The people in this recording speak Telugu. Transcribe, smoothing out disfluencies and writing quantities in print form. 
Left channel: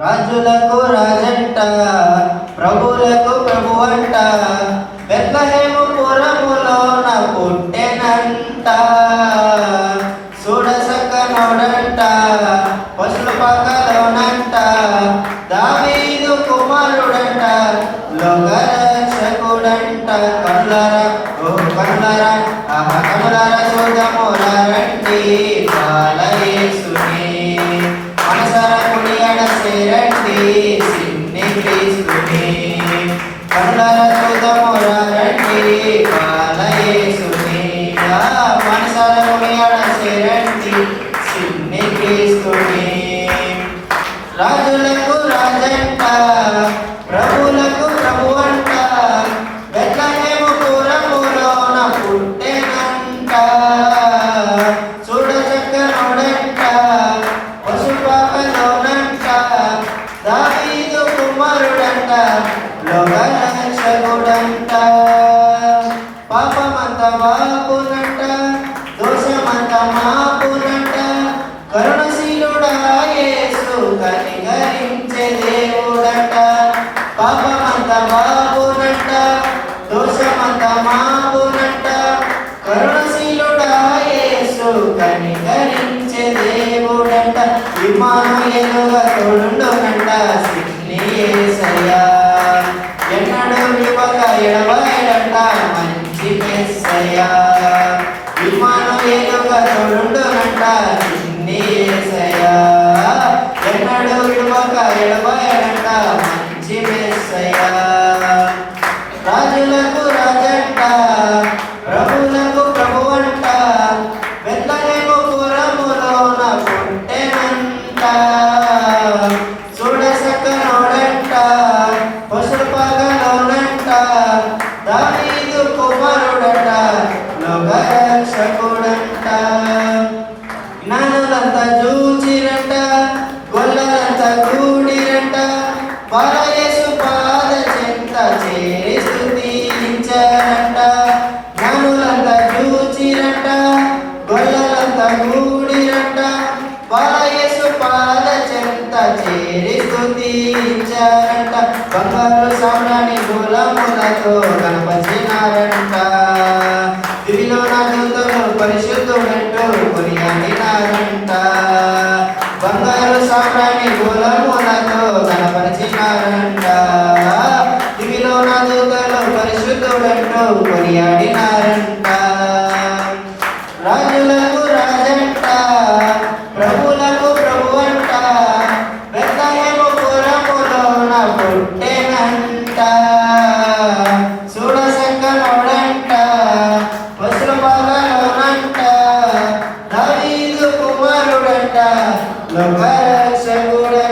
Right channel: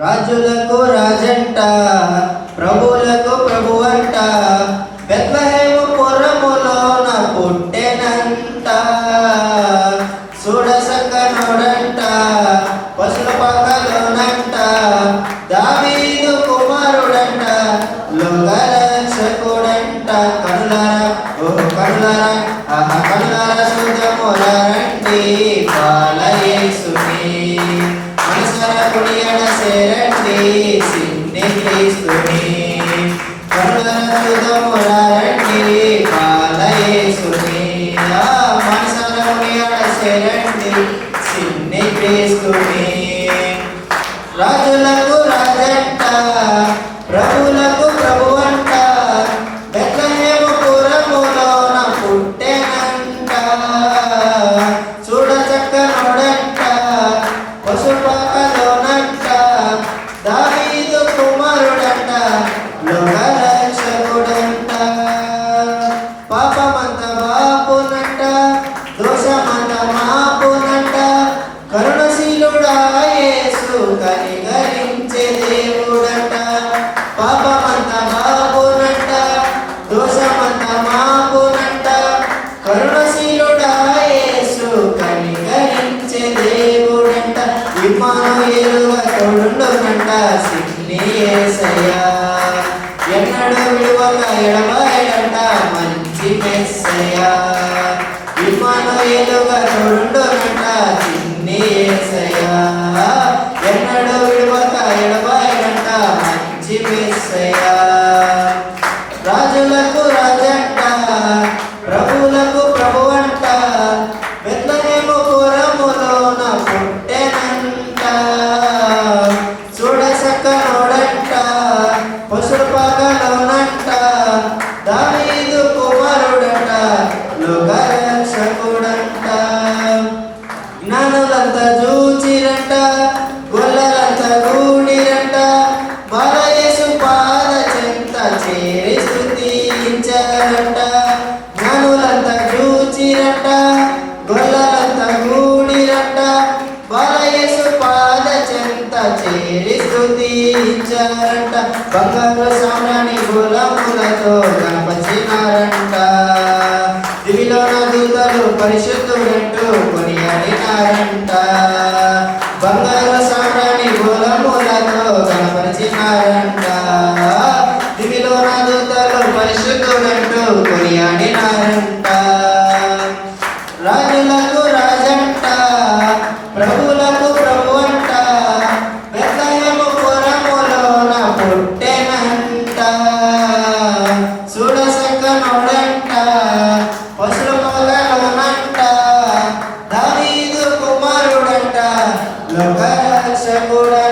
రాజులకు రాజంట, ప్రభువులకు ప్రభువంట, బెత్లెహేము పురములోన పుట్టెనంట. చూడసక్కనోడంట, పశుల పాకలోనంట, దావీదు కుమారుడంట, లోకరక్షకుడంట. కనులారా ఓ కనులారా కనులారా చూద్దాములారండి బాలయేసుని. మనసారా కొనియాడ సేరండి సిన్ని క్రీస్తుని. కనులారా చూద్దాములారండి బాలయేసుని. మనసారా కొనియాడ సేరండి సిన్ని క్రీస్తుని. రాజులకు రాజంట, ప్రభువులకు ప్రభువంట, బెత్లెహేము పురములోన పుట్టెనంట. చూడచక్కనోడంట, పశుపాకలోనంట, దావీదు కుమారుడంట, లోకరక్షకుడంట. పాపమంత మాపునంట, దోషమంత మాపునంట, కరుణశీలుడా యేసు కనికరించే దేవుడంట. పాపమంత మాపునంట, దోషమంత మాపునంట, కరుణశీలుడా యేసు కనికరించే దేవుడంట. ఇమ్మానుయేలుగా తోడుండునంట సిన్ని యేసయ్యా. ఎన్నడూ విడువక ఎడబాయడంట మంచి మెస్సయ్యా. ఇమ్మానుయేలుగా తోడుండునంట సిన్ని యేసయ్యా. ఎన్నడూ విడువక ఎడబాయడంట మంచి మెస్సయ్యా. రాజులకు రాజంట, ప్రభువులకు ప్రభువంట, బెత్లెహేము పురములోన పుట్టెనంట. చూడసక్కనోడంట, పశుల పాకలోనంట, దావీదు కుమారుడంట, లోకరక్షకుడంట. జ్ఞానులంతా చూచిరంట, గొల్లలంతా కూడిరంట, బాలయేసు పాద చెంత చేరి స్తుతించరంట. జ్ఞానులంతా చూచిరంట, గొల్లలంతా కూడిరంట, బాలయేసు పాద చెంత చేరి స్తుతించరంట. బంగారు సామ్రాణి గులములతో గణపరిచినారంట. దివిలోన దూతలు పరిశుద్ధుడంటూ కొనియాడినారంట. బంగారు సామ్రాణి గులములతో గణపరిచినారంట. దివిలోన దూతలు పరిశుద్ధుడంటూ కొనియాడినారంట. రాజులకు రాజంట, ప్రభువులకు ప్రభువంట, బెత్లెహేము పురములోన పుట్టెనంట. చూడసక్కనోడంట, పశుల పాకలోనంట, దావీదు కుమారుడంట, లోకరక్షకుడంట.